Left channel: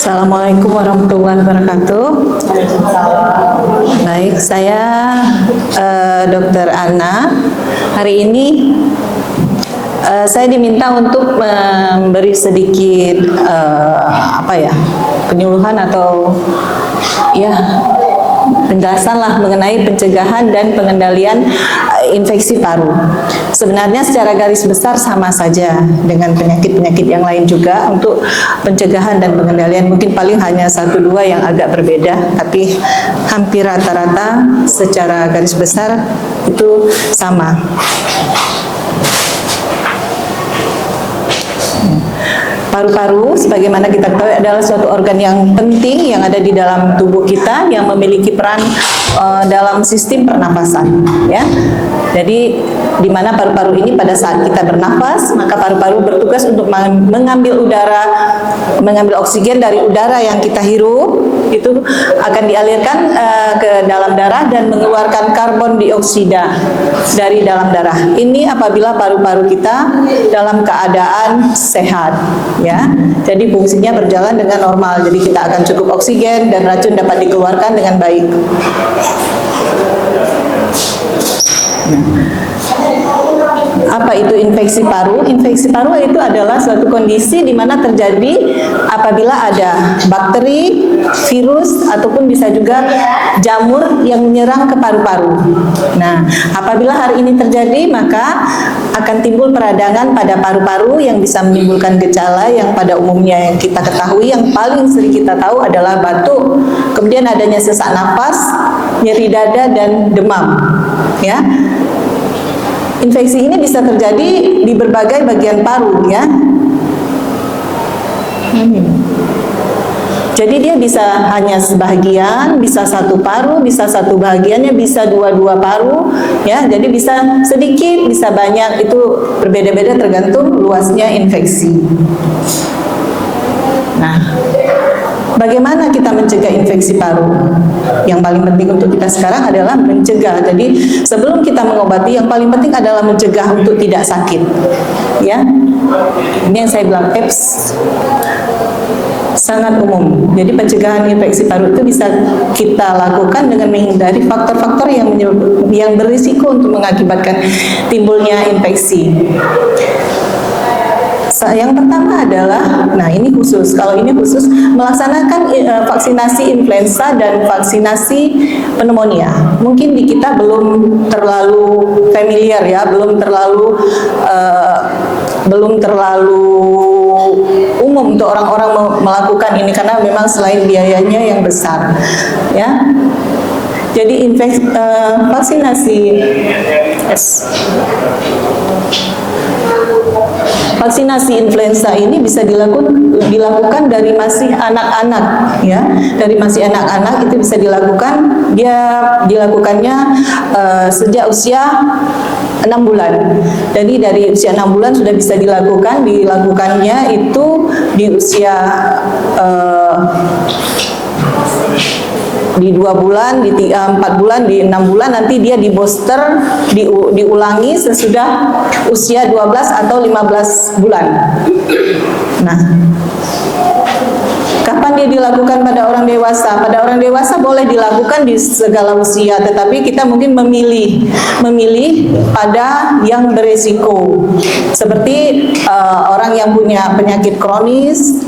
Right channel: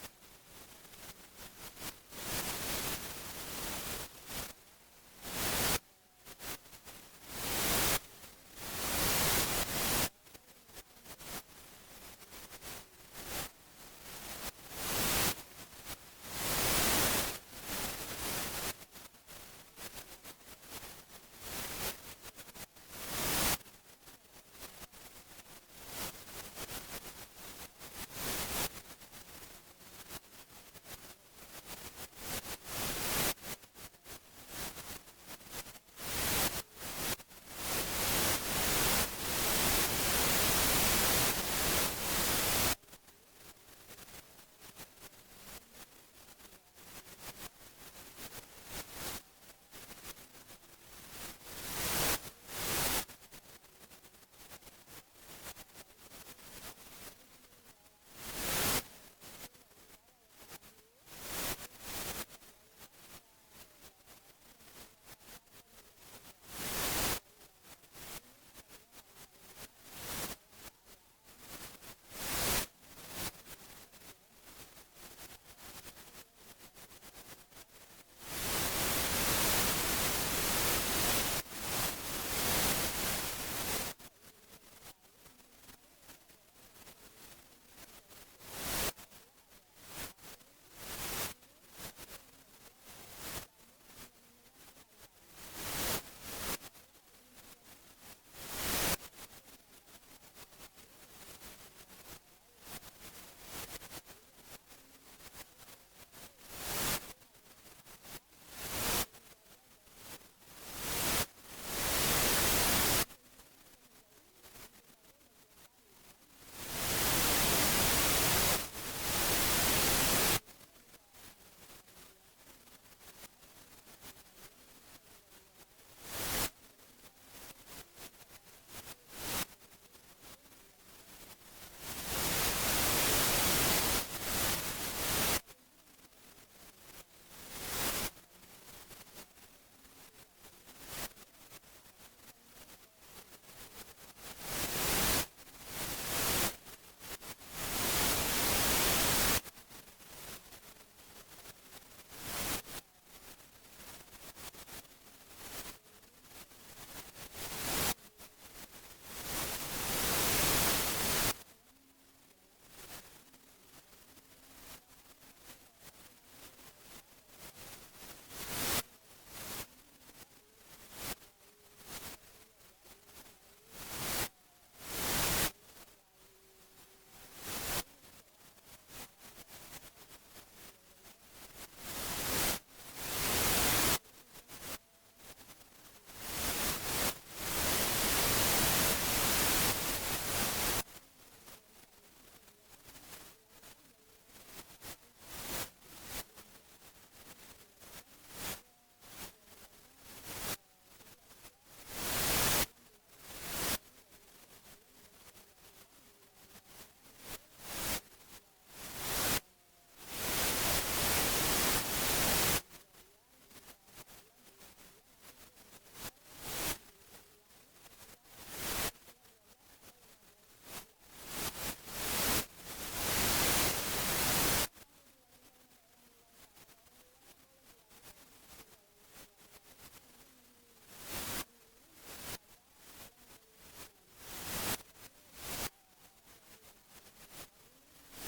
Assalamualaikum warahmatullahi wabarakatuh. Baik, saya Dr. Anna. Hari ini saya diminta untuk memberi sedikit penyuluhan atau penjelasan lah mengenai pencegahan dan pengendalian infeksi paru. Sebenarnya secara garis besar sama saja dengan penyakit-penyakit yang lain juga. Untuk pencegahan dan pengendalian mungkin paling hanya 1-2 yang agak berbeda, tapi hampir rata-rata secara garis besar itu sama. Paru-paru, sebagaimana kita tahu, adalah suatu organ yang penting yang ada di dalam tubuh kita, yang memiliki peran dalam sistem pernapasan. Ya, jadi di mana paru-paru ini pada saat kita bernafas, maka paru-paru bertugas untuk mengambil oksigen dari udara yang kita hirup, itu akan dialirkan ke dalam darah dan mengeluarkan karbon dioksida dari dalam darah. Ini apabila paru-paru kita dalam keadaan sehat. Ya, jadi fungsinya berjalan dengan normal. Jadi kita akan cukup oksigen dan racun dapat dikeluarkan dengan baik. Apa itu infeksi paru? Infeksi paru itu adalah suatu kondisi di mana terjadi apabila ada bakteri, virus, ataupun bisa juga jamur yang menyerang ke paru-paru. Nah, apabila hal ini terjadi, maka akan timbul peradangan pada paru-paru yang bisa menimbulkan gejala yang pada umumnya yang kita ketahui, yang paling sering kita tahu adalah batuk, kemudian adanya sesak napas, nyeri dada, dan demam. Ya. Infeksi ini bisa terjadi di berbagai bagian paru, ya. Jadi dia bisa hanya sebahagian, bisa satu paru, bisa satu bahagiannya, bisa dua paru, ya. Jadi bisa sedikit, bisa banyak, itu berbeda-beda tergantung luasnya infeksi. Nah, bagaimana kita mencegah infeksi paru? Yang paling penting untuk kita sekarang adalah mencegah. Jadi sebelum kita mengobati, yang paling penting adalah mencegah untuk tidak sakit. Ya, ini yang saya bilang EPS sangat umum. Jadi pencegahan infeksi paru itu bisa kita lakukan dengan menghindari faktor-faktor yang berisiko untuk mengakibatkan timbulnya infeksi. Yang pertama adalah, nah ini khusus, kalau ini khusus melaksanakan vaksinasi influenza dan vaksinasi pneumonia. Mungkin di kita belum terlalu familiar, ya, belum terlalu umum untuk orang-orang melakukan ini karena memang selain biayanya yang besar, ya. Jadi vaksinasi influenza ini bisa dilakukan dari masih anak-anak, ya. Dari masih anak-anak itu bisa dilakukan, dilakukannya sejak usia 6 bulan. Jadi dari usia 6 bulan sudah bisa dilakukannya itu di usia di 2 bulan, di 4 bulan, di 6 bulan, nanti dia di booster, diulangi sesudah usia 12 atau 15 bulan. Nah, kapan dia dilakukan pada orang dewasa? Pada orang dewasa boleh dilakukan di segala usia, tetapi kita mungkin memilih pada yang beresiko, seperti orang yang punya penyakit kronis,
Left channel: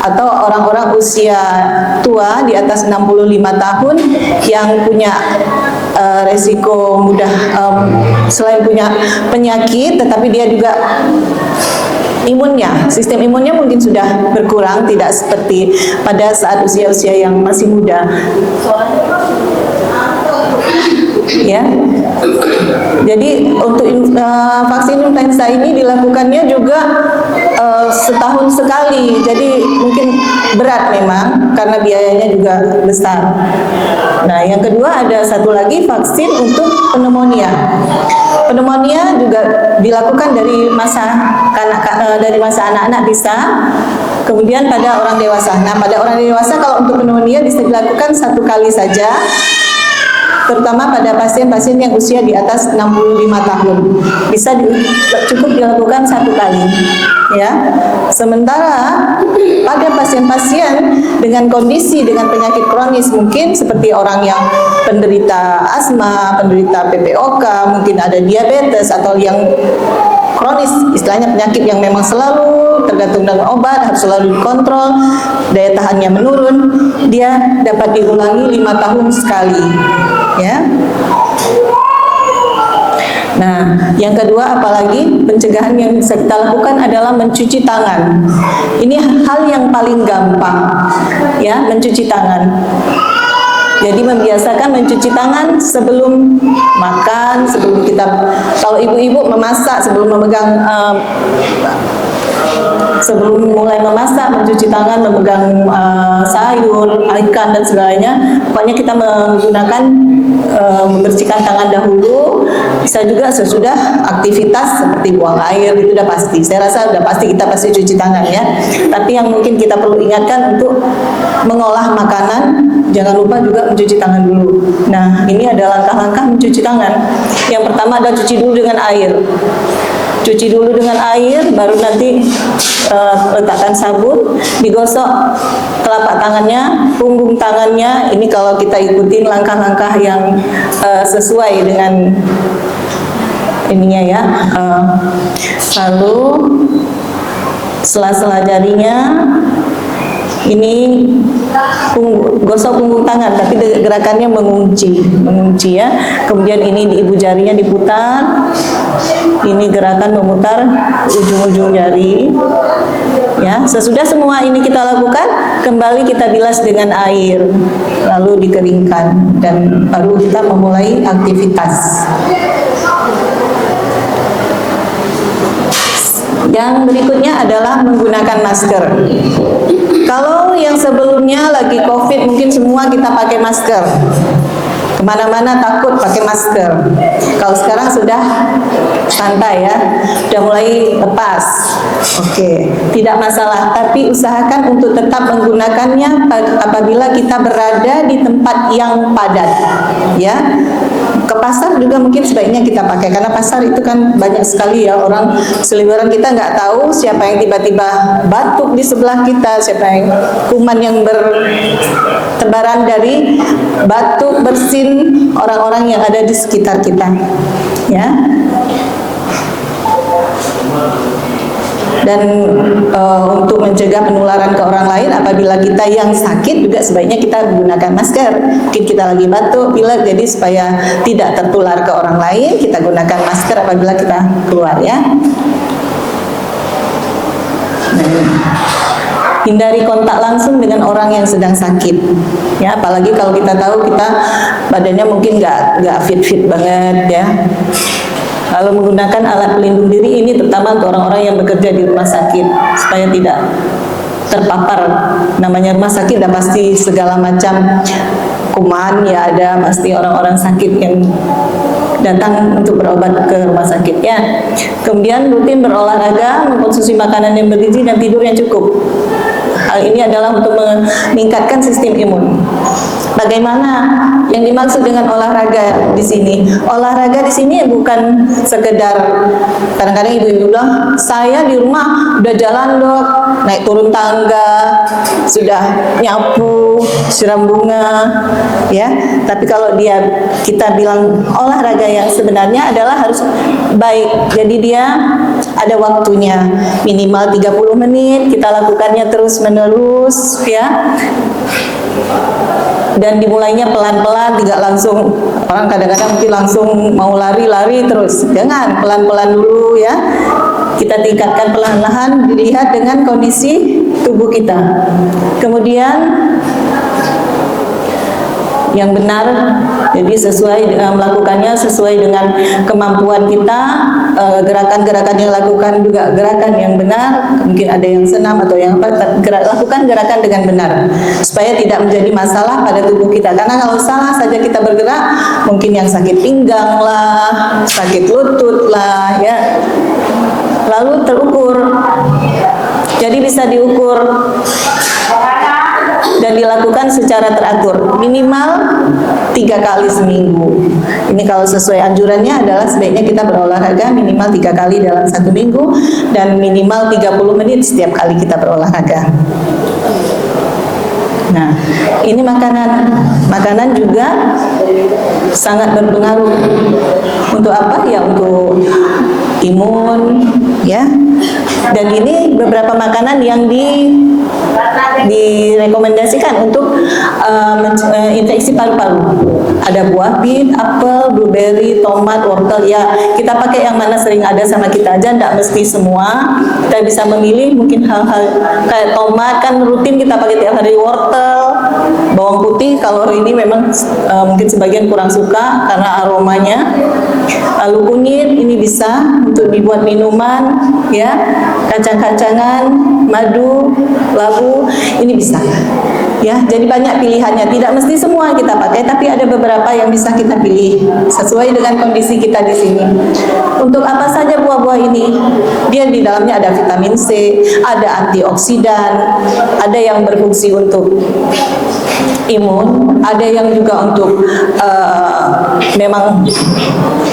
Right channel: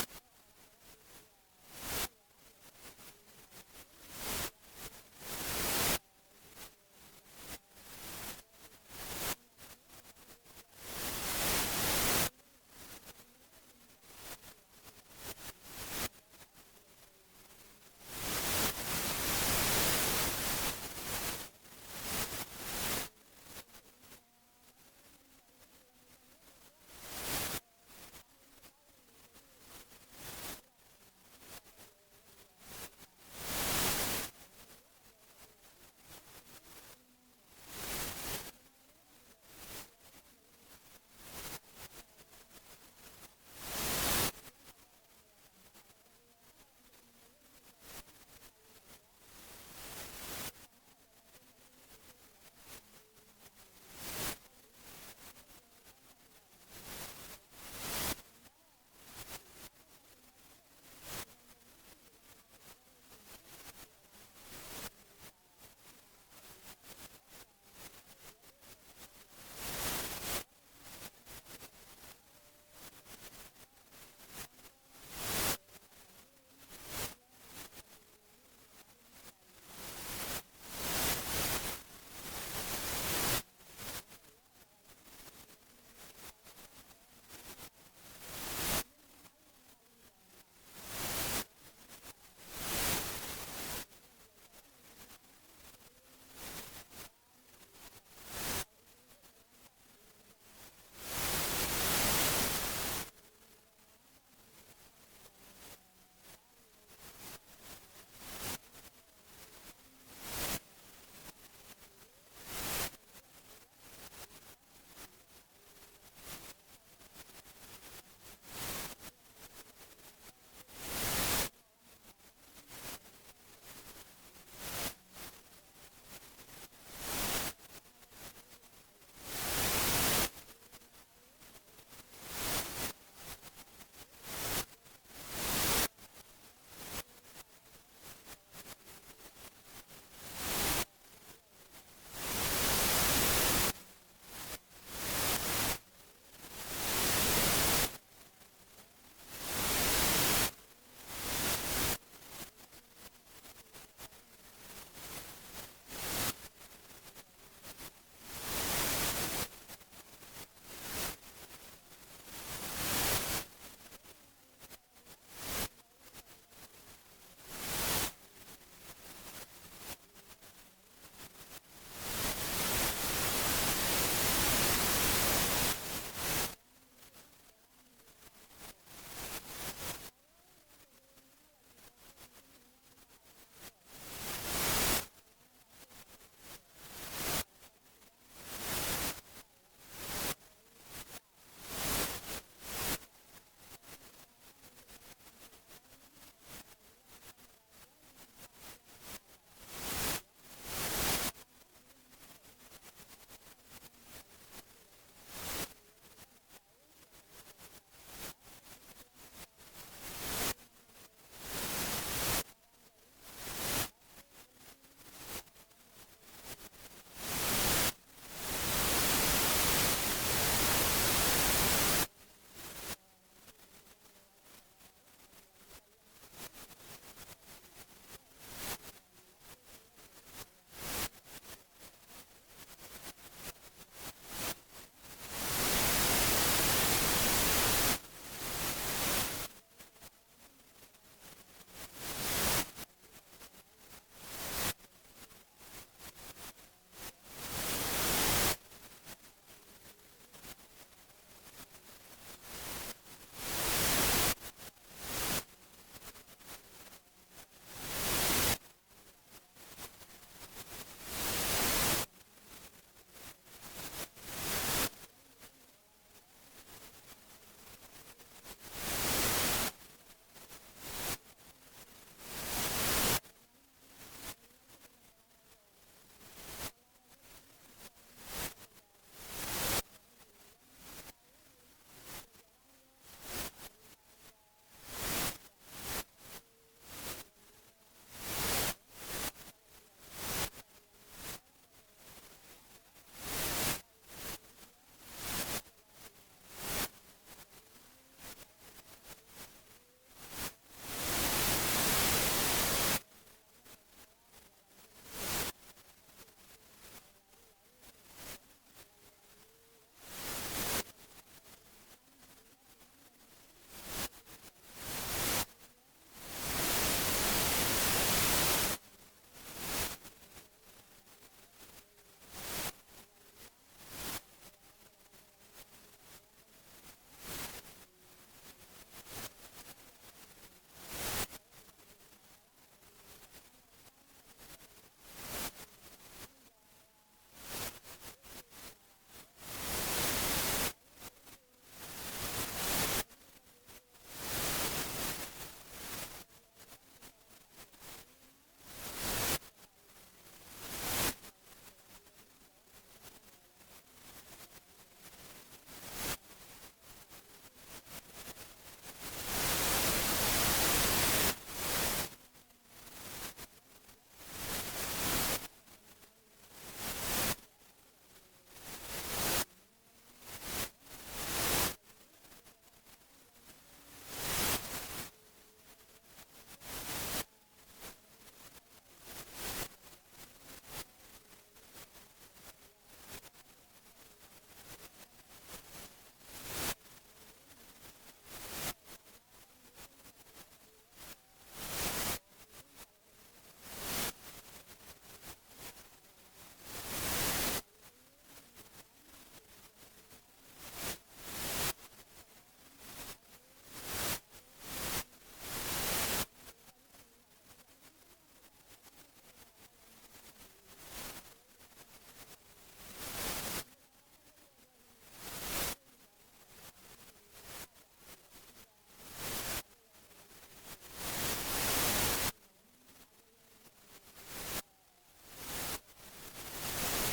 atau orang-orang usia tua di atas 65 tahun yang punya resiko mudah, selain punya penyakit, tetapi dia juga sistem imunnya mungkin sudah berkurang, tidak seperti pada saat usia-usia yang masih muda. Ya. Jadi untuk vaksin influenza ini dilakukannya juga setahun sekali, jadi mungkin berat memang karena biayanya juga besar. Nah, yang kedua ada satu lagi vaksin untuk pneumonia. Pneumonia juga dilakukan dari masa anak-anak bisa, kemudian pada orang dewasa. Nah, pada orang dewasa kalau untuk pneumonia bisa dilakukan 1 kali saja, terutama pada pasien-pasien yang usia di atas 65 tahun. Cukup dilakukan 1 kali. ya. Sementara pada pasien-pasien dengan kondisi dengan penyakit kronis, mungkin seperti orang yang penderita asma, penderita PPOK, mungkin ada diabetes atau yang kronis, istilahnya penyakit yang memang selalu tergantung dengan obat, harus selalu dikontrol, daya tahannya menurun, dia dapat diulangi 5 tahun sekali, ya. Nah, yang kedua, apalagi pencegahan yang bisa kita lakukan adalah mencuci tangan. Ini hal yang paling gampang, ya, mencuci tangan. Jadi membiasakan mencuci tangan sebelum makan, sebelum kita, kalau ibu-ibu memasak, sebelum memegang sebelum mulai memasak, mencuci tangan, memegang sayur, ikan dan segalanya. Pokoknya kita menggunakan membersihkan tangan dahulu. Bisa juga sesudah aktivitas seperti buang air, itu udah pasti. Saya rasa udah pasti kita pasti cuci tangan, ya. Tapi yang mungkin kita perlu ingatkan untuk mengolah makanan, jangan lupa juga mencuci tangan dulu. Nah, ini adalah langkah-langkah mencuci tangan. Yang pertama adalah cuci dulu dengan air. Cuci dulu dengan air, baru nanti letakkan sabun, digosok telapak tangannya, punggung tangannya. Ini kalau kita ikutin langkah-langkah yang sesuai dengan ininya, ya. Lalu sela-sela jarinya, ini gosok punggung tangan, tapi gerakannya mengunci, ya. Kemudian ini di ibu jarinya diputar. Ini gerakan memutar ujung-ujung jari, ya. Sesudah semua ini kita lakukan, kembali kita bilas dengan air, lalu dikeringkan, dan baru kita memulai aktivitas. Yang berikutnya adalah menggunakan masker. Kalau yang sebelumnya lagi COVID, mungkin semua kita pakai masker. Kemana-mana takut pakai masker. Kalau sekarang sudah santai, ya, sudah mulai lepas. Oke, tidak masalah. Tapi usahakan untuk tetap menggunakannya apabila kita berada di tempat yang padat, ya. Ke pasar juga mungkin sebaiknya kita pakai, karena pasar itu kan banyak sekali, ya, orang seliweran, kita nggak tahu siapa yang tiba-tiba batuk di sebelah kita, siapa yang kuman yang bertebaran dari batuk, bersin orang-orang yang ada di sekitar kita, ya. Dan untuk mencegah penularan ke orang lain, apabila kita yang sakit juga sebaiknya kita gunakan masker. Mungkin kita lagi batuk, pilek, jadi supaya tidak tertular ke orang lain, kita gunakan masker apabila kita keluar, ya. Hindari kontak langsung dengan orang yang sedang sakit, ya. Apalagi kalau kita tahu kita badannya mungkin nggak fit banget, ya. Lalu menggunakan alat pelindung diri, ini terutama untuk orang-orang yang bekerja di rumah sakit, supaya tidak terpapar. Namanya rumah sakit dan pasti segala macam kuman, ya, ada pasti orang-orang sakit yang datang untuk berobat ke rumah sakit, ya. Kemudian rutin berolahraga, mengkonsumsi makanan yang bergizi dan tidur yang cukup. Hal ini adalah untuk meningkatkan sistem imun. Bagaimana yang dimaksud dengan olahraga di sini? Olahraga di sini bukan sekedar, kadang-kadang ibu-ibu bilang, saya di rumah udah jalan, Dok, naik turun tangga, sudah nyapu, siram bunga, ya. Tapi kalau kita bilang olahraga yang sebenarnya adalah harus baik. Jadi dia ada waktunya, minimal 30 menit, kita lakukannya terus-menerus, ya. Dan dimulainya pelan-pelan, tidak langsung. Orang kadang-kadang mungkin langsung mau lari-lari terus. Jangan, pelan-pelan dulu, ya. Kita tingkatkan perlahan-lahan, dilihat dengan kondisi tubuh kita. Kemudian yang benar, jadi melakukannya sesuai dengan kemampuan kita. Gerakan-gerakan yang lakukan juga gerakan yang benar. Mungkin ada yang senam atau yang apa, lakukan gerakan dengan benar supaya tidak menjadi masalah pada tubuh kita. Karena kalau salah saja kita bergerak, mungkin yang sakit pinggang lah, sakit lutut lah, ya. Lalu terukur, jadi bisa diukur dan dilakukan secara teratur. Minimal 3 kali seminggu. Ini kalau sesuai anjurannya adalah sebaiknya kita berolahraga minimal 3 kali dalam 1 minggu dan minimal 30 menit setiap kali kita berolahraga. Nah, ini makanan juga sangat berpengaruh. Untuk apa? Ya untuk imun, ya. Dan ini beberapa makanan yang direkomendasikan untuk infeksi paru-paru. Ada buah bit, apel, blueberry, tomat, wortel. Ya, kita pakai yang mana sering ada sama kita aja, tidak mesti semua. Kita bisa memilih mungkin hal-hal kayak tomat kan rutin kita pakai tiap hari, wortel, bawang putih. Kalau ini memang mungkin sebagian kurang suka karena aromanya. Lalu kunyit ini bisa untuk dibuat minuman, ya. Kacang-kacangan, madu, labu, ini bisa. Ya, jadi banyak pilihannya. Tidak mesti semua kita pakai, tapi ada beberapa yang bisa kita pilih sesuai dengan kondisi kita di sini. Untuk apa saja buah-buah ini? Dia di dalamnya ada vitamin C, ada antioksidan, ada yang berfungsi untuk imun, ada yang juga untuk memang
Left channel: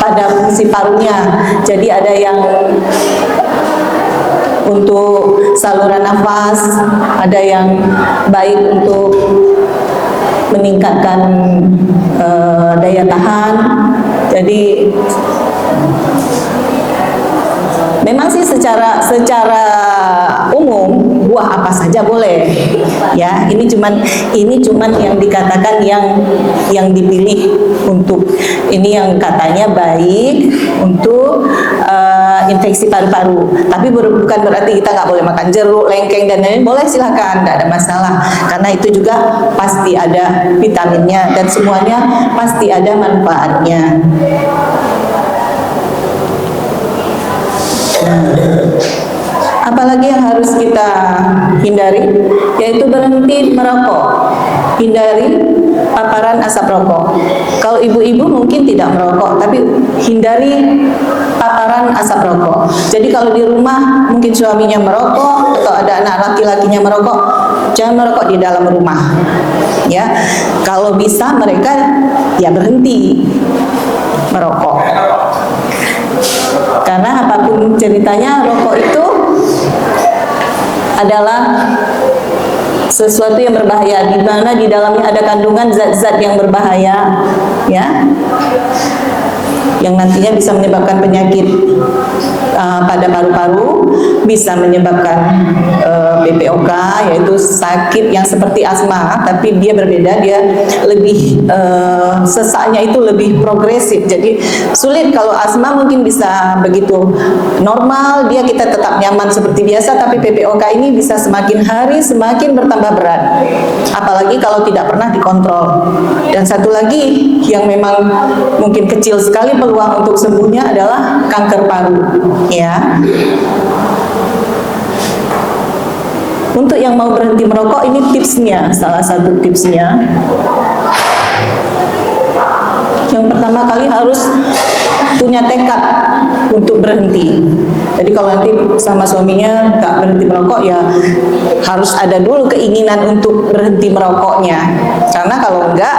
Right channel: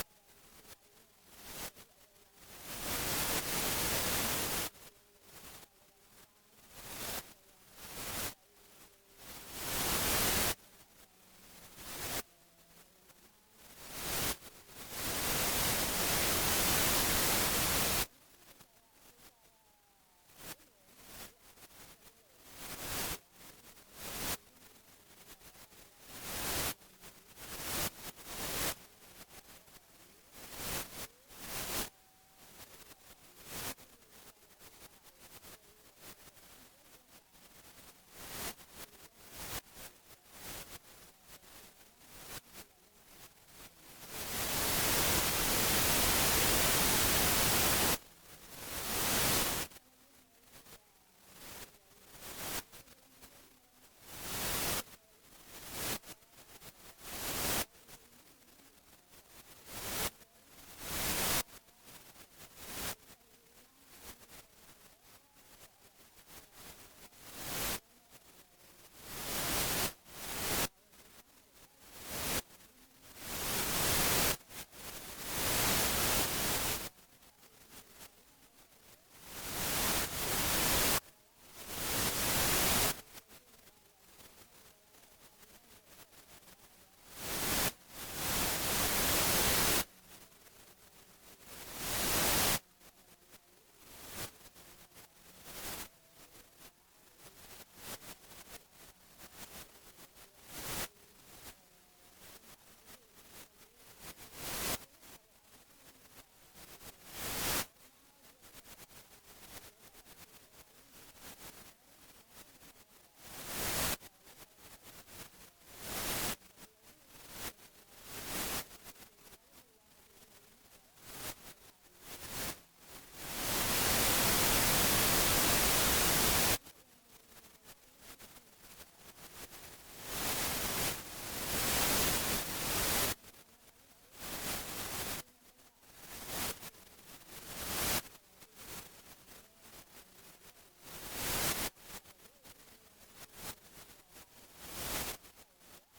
pada fungsi parunya. Jadi ada yang untuk saluran nafas, ada yang baik untuk meningkatkan daya tahan. Jadi memang sih secara umum buah apa saja boleh, ya. Ini cuman yang dikatakan yang dipilih untuk ini yang katanya baik untuk infeksi paru-paru. Tapi bukan berarti kita nggak boleh makan jeruk, lengkeng dan lain-lain. Boleh, silakan, nggak ada masalah. Karena itu juga pasti ada vitaminnya dan semuanya pasti ada manfaatnya. Apalagi yang harus kita hindari, yaitu berhenti merokok. Hindari paparan asap rokok. Kalau ibu-ibu mungkin tidak merokok, tapi hindari paparan asap rokok. Jadi kalau di rumah mungkin suaminya merokok atau ada anak laki-lakinya merokok, jangan merokok di dalam rumah. Ya, kalau bisa mereka ya berhenti merokok. Karena apapun ceritanya, rokok itu adalah sesuatu yang berbahaya, di mana di dalamnya ada kandungan zat-zat yang berbahaya, ya, yang nantinya bisa menyebabkan penyakit pada paru-paru, bisa menyebabkan BPOK, yaitu sakit yang seperti asma, tapi dia berbeda, dia lebih sesaknya itu lebih progresif. Jadi sulit. Kalau asma mungkin bisa begitu normal, dia kita tetap nyaman seperti biasa, tapi BPOK ini bisa semakin hari semakin bertambah berat, apalagi kalau tidak pernah dikontrol. Dan satu lagi yang memang mungkin kecil sekali peluang untuk sembuhnya adalah kanker paru, ya. Untuk yang mau berhenti merokok, ini tipsnya, salah satu tipsnya. Yang pertama kali harus punya tekad untuk berhenti. Jadi kalau nanti sama suaminya nggak berhenti merokok, ya harus ada dulu keinginan untuk berhenti merokoknya. Karena kalau enggak,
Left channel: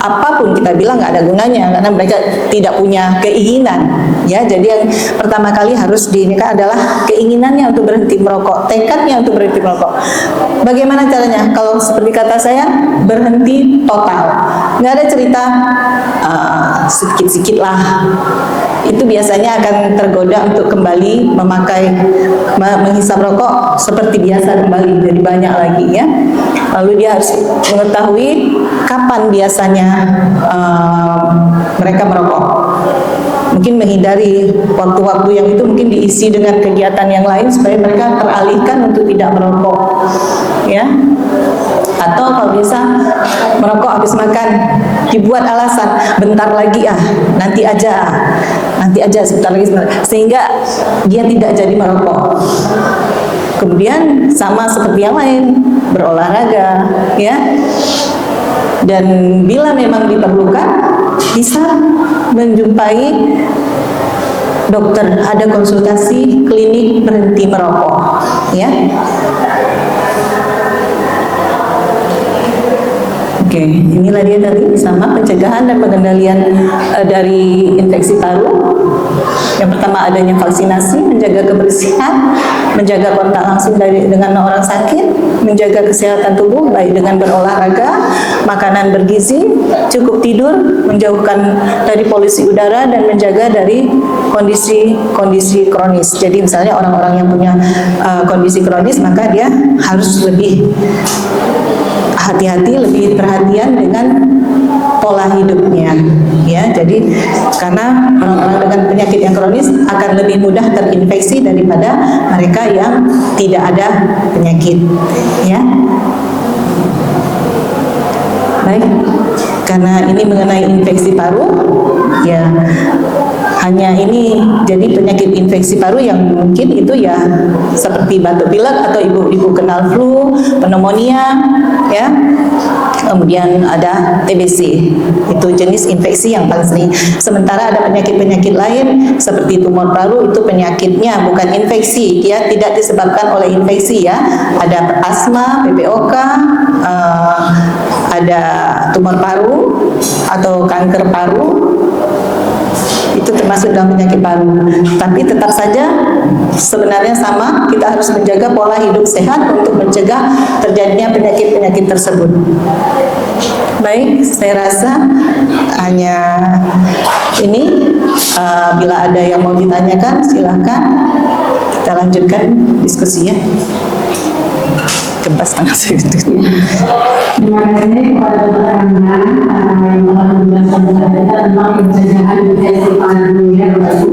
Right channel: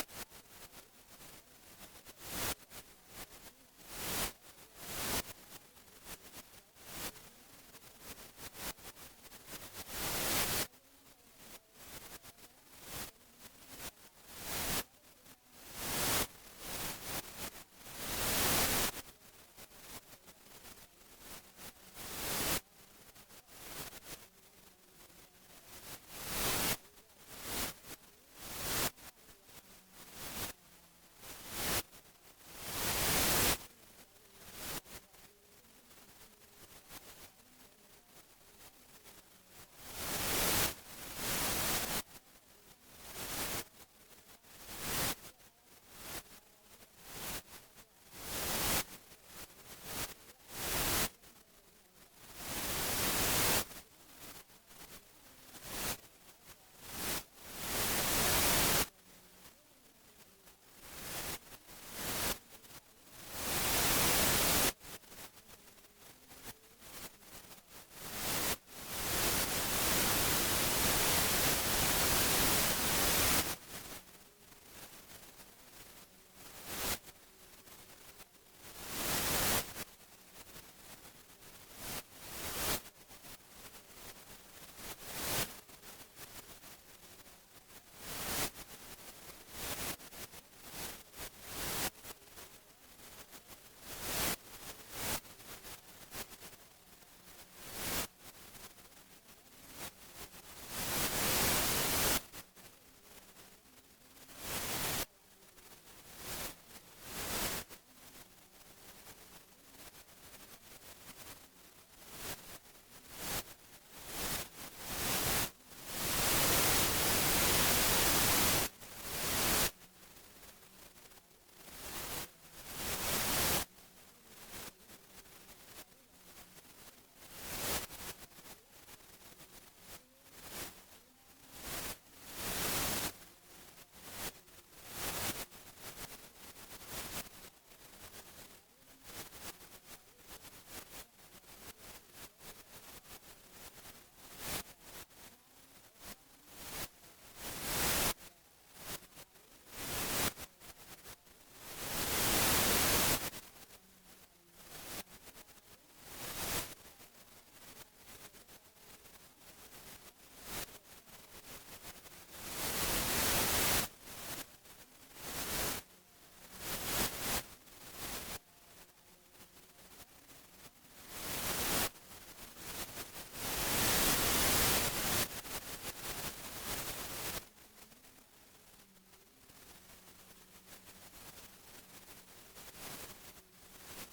apapun kita bilang nggak ada gunanya, karena mereka tidak punya keinginan. Ya, jadi yang pertama kali harus diinginkan adalah keinginannya untuk berhenti merokok, tekadnya untuk berhenti merokok. Bagaimana caranya? Kalau seperti kata saya, berhenti total. Nggak ada cerita sedikit-sedikit lah. Itu biasanya akan tergoda untuk kembali menghisap rokok seperti biasa kembali, jadi banyak lagi, ya. Lalu dia harus mengetahui kapan biasanya mereka merokok. Mungkin menghindari waktu-waktu yang itu mungkin diisi dengan kegiatan yang lain supaya mereka teralihkan untuk tidak merokok, ya. Atau kalau biasa merokok habis makan, dibuat alasan bentar lagi nanti aja sebentar lagi, sehingga dia tidak jadi merokok. Kemudian sama seperti yang lain, berolahraga, ya. Dan bila memang diperlukan, bisa menjumpai dokter, ada konsultasi klinik berhenti merokok, ya. Oke, inilah dia tadi sama pencegahan dan pengendalian dari infeksi paru. Yang pertama adanya vaksinasi, menjaga kebersihan, menjaga kontak langsung dengan orang sakit, menjaga kesehatan tubuh baik dengan berolahraga, makanan bergizi, cukup tidur, menjauhkan dari polusi udara dan menjaga dari kondisi kronis. Jadi misalnya orang-orang yang punya kondisi kronis maka dia harus lebih hati-hati, lebih perhatian dengan pola hidupnya, ya. Jadi karena orang-orang dengan penyakit yang kronis akan lebih mudah terinfeksi daripada mereka yang tidak ada penyakit, ya. Baik, karena ini mengenai infeksi paru, ya. Hanya ini jadi penyakit infeksi paru yang mungkin itu ya seperti batuk pilek atau ibu-ibu kenal flu, pneumonia, ya. Kemudian ada TBC, itu jenis infeksi yang paling sering. Sementara ada penyakit-penyakit lain seperti tumor paru, itu penyakitnya bukan infeksi, dia tidak disebabkan oleh infeksi, ya. Ada asma, PPOK, ada tumor paru atau kanker paru, itu termasuk dalam penyakit paru. Tapi tetap saja sebenarnya sama, kita harus menjaga pola hidup sehat untuk mencegah terjadinya penyakit-penyakit tersebut. Baik, saya rasa hanya ini. Bila ada yang mau ditanyakan, silakan kita lanjutkan diskusinya. Kebas tangan saya. Terima kasih kepada Dr. Anda yang telah menjelaskan kepada kita tentang pencegahan infeksi paru ya Bapak.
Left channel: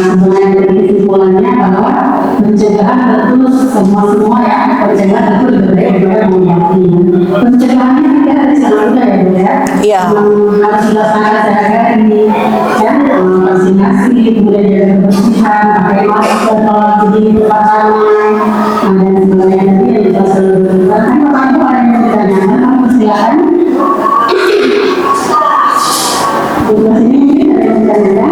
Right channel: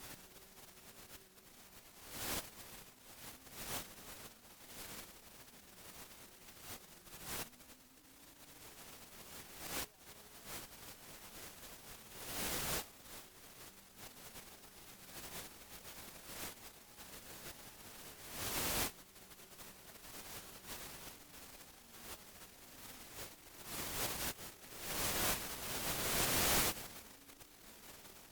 Sebenarnya dari kesimpulannya bahwa pencegahan tentu semua ya, pencegahan tentu lebih baik daripada mengobati. Pencegahannya tidak ada sangat mudah ya Bu ya. Iya. Harus dilaksanakan secara ini ya, vaksinasi, kemudian jaga kebersihan, pakai masker, kalau di tempat ramai, dan sebagainya tadi yang dijelaskan oleh Dr. Anda. Silakan. Di sini mungkin ada yang bertanya.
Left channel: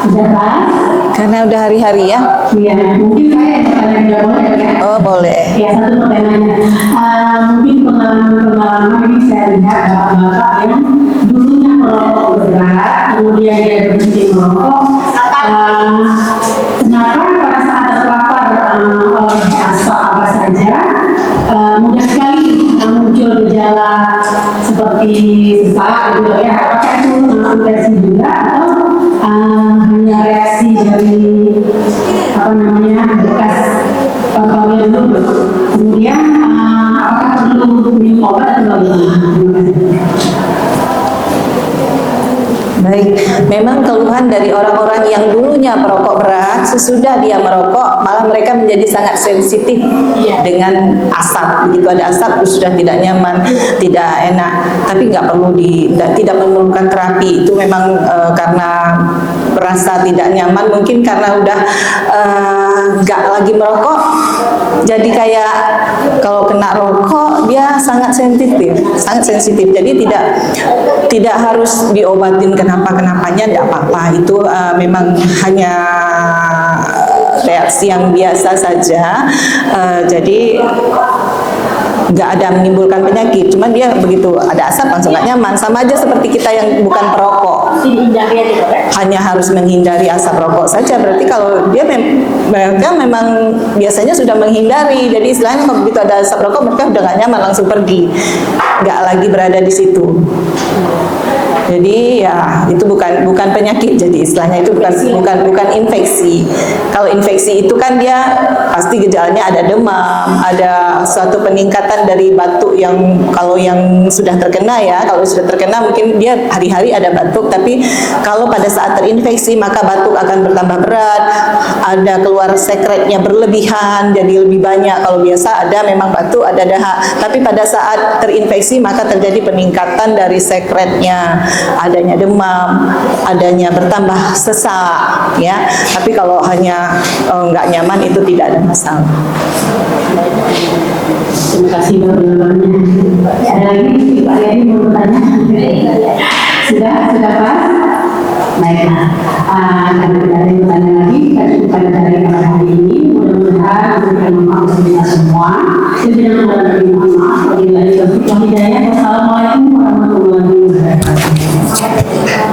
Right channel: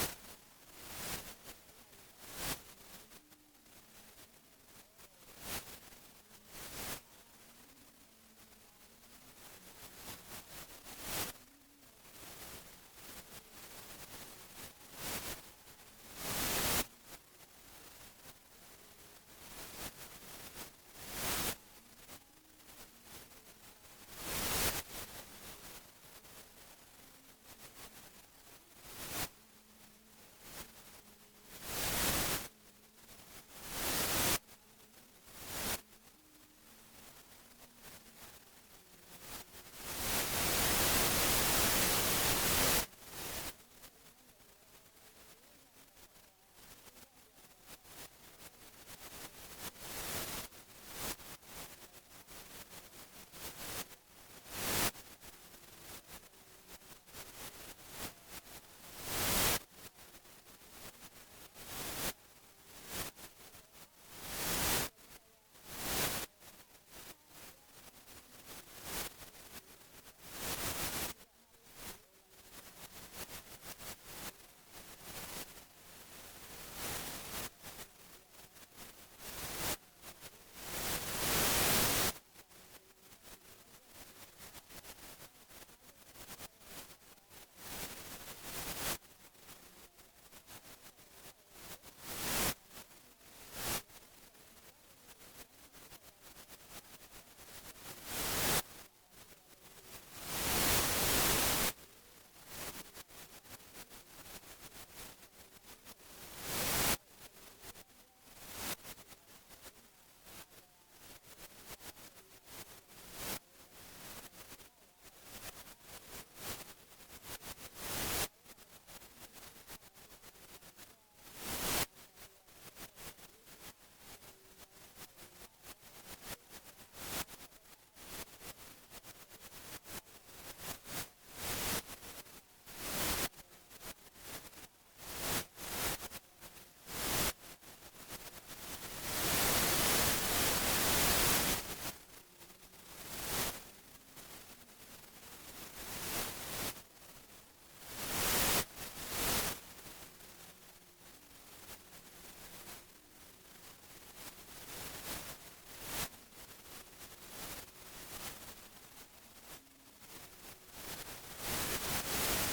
Sudah pas? Karena udah hari-hari ya. Iya, mungkin saya bertanya boleh ya? Oh boleh. Ya, satu pertanyaannya. Mungkin pengalaman ini saya lihat bapak-bapak yang dulunya merokok berat, kemudian dia berhenti merokok. Kenapa pada saat terpapar oleh asap apa saja, mudah sekali muncul gejala seperti sesak gitu ya? Apakah itu infeksi juga atau hanya reaksi dari bekas perkawinan dulu? Kemudian apakah perlu minum obat atau bagaimana? Baik, memang keluhan dari orang-orang yang dulunya perokok berat, sesudah dia merokok, malah mereka menjadi sangat sensitif dengan asap. Begitu ada asap, sudah tidak nyaman, tidak enak. Tapi nggak perlu tidak memerlukan terapi. Itu memang karena merasa tidak nyaman, mungkin karena udah nggak lagi merokok, jadi kayak kalau kena rokok dia sangat sensitif. Jadi tidak harus diobatin kenapa-kenapanya, tidak apa-apa. Itu memang hanya reaksi yang biasa saja. Jadi nggak ada menimbulkan penyakit, cuman dia begitu ada asap langsung nggak nyaman, sama aja seperti kita yang bukan perokok, hanya harus menghindari asap rokok saja. Berarti kalau dia mereka memang biasanya sudah menghindari, jadi istilahnya kalau begitu ada asap rokok mereka udah nggak nyaman, langsung pergi, nggak lagi berada di situ. Jadi ya itu bukan penyakit, jadi istilahnya itu bukan infeksi. Kalau infeksi itu kan dia pasti gejalanya ada demam, ada suatu peningkatan dari batuk yang kalau yang sudah terkena ya, kalau sudah terkena mungkin dia hari-hari ada batuk, tapi kalau pada saat terinfeksi maka batuk akan bertambah berat, ada keluar sekretnya berlebihan, jadi lebih banyak. Kalau biasa ada memang batuk, ada dahak, tapi pada saat terinfeksi maka terjadi peningkatan dari sekretnya, adanya demam, adanya bertambah sesak ya. Tapi kalau hanya nggak nyaman itu tidak ada masalah. Terima kasih jawabannya. Ada lagi Pak Yadi mau bertanya? Sudah pas? Baiklah.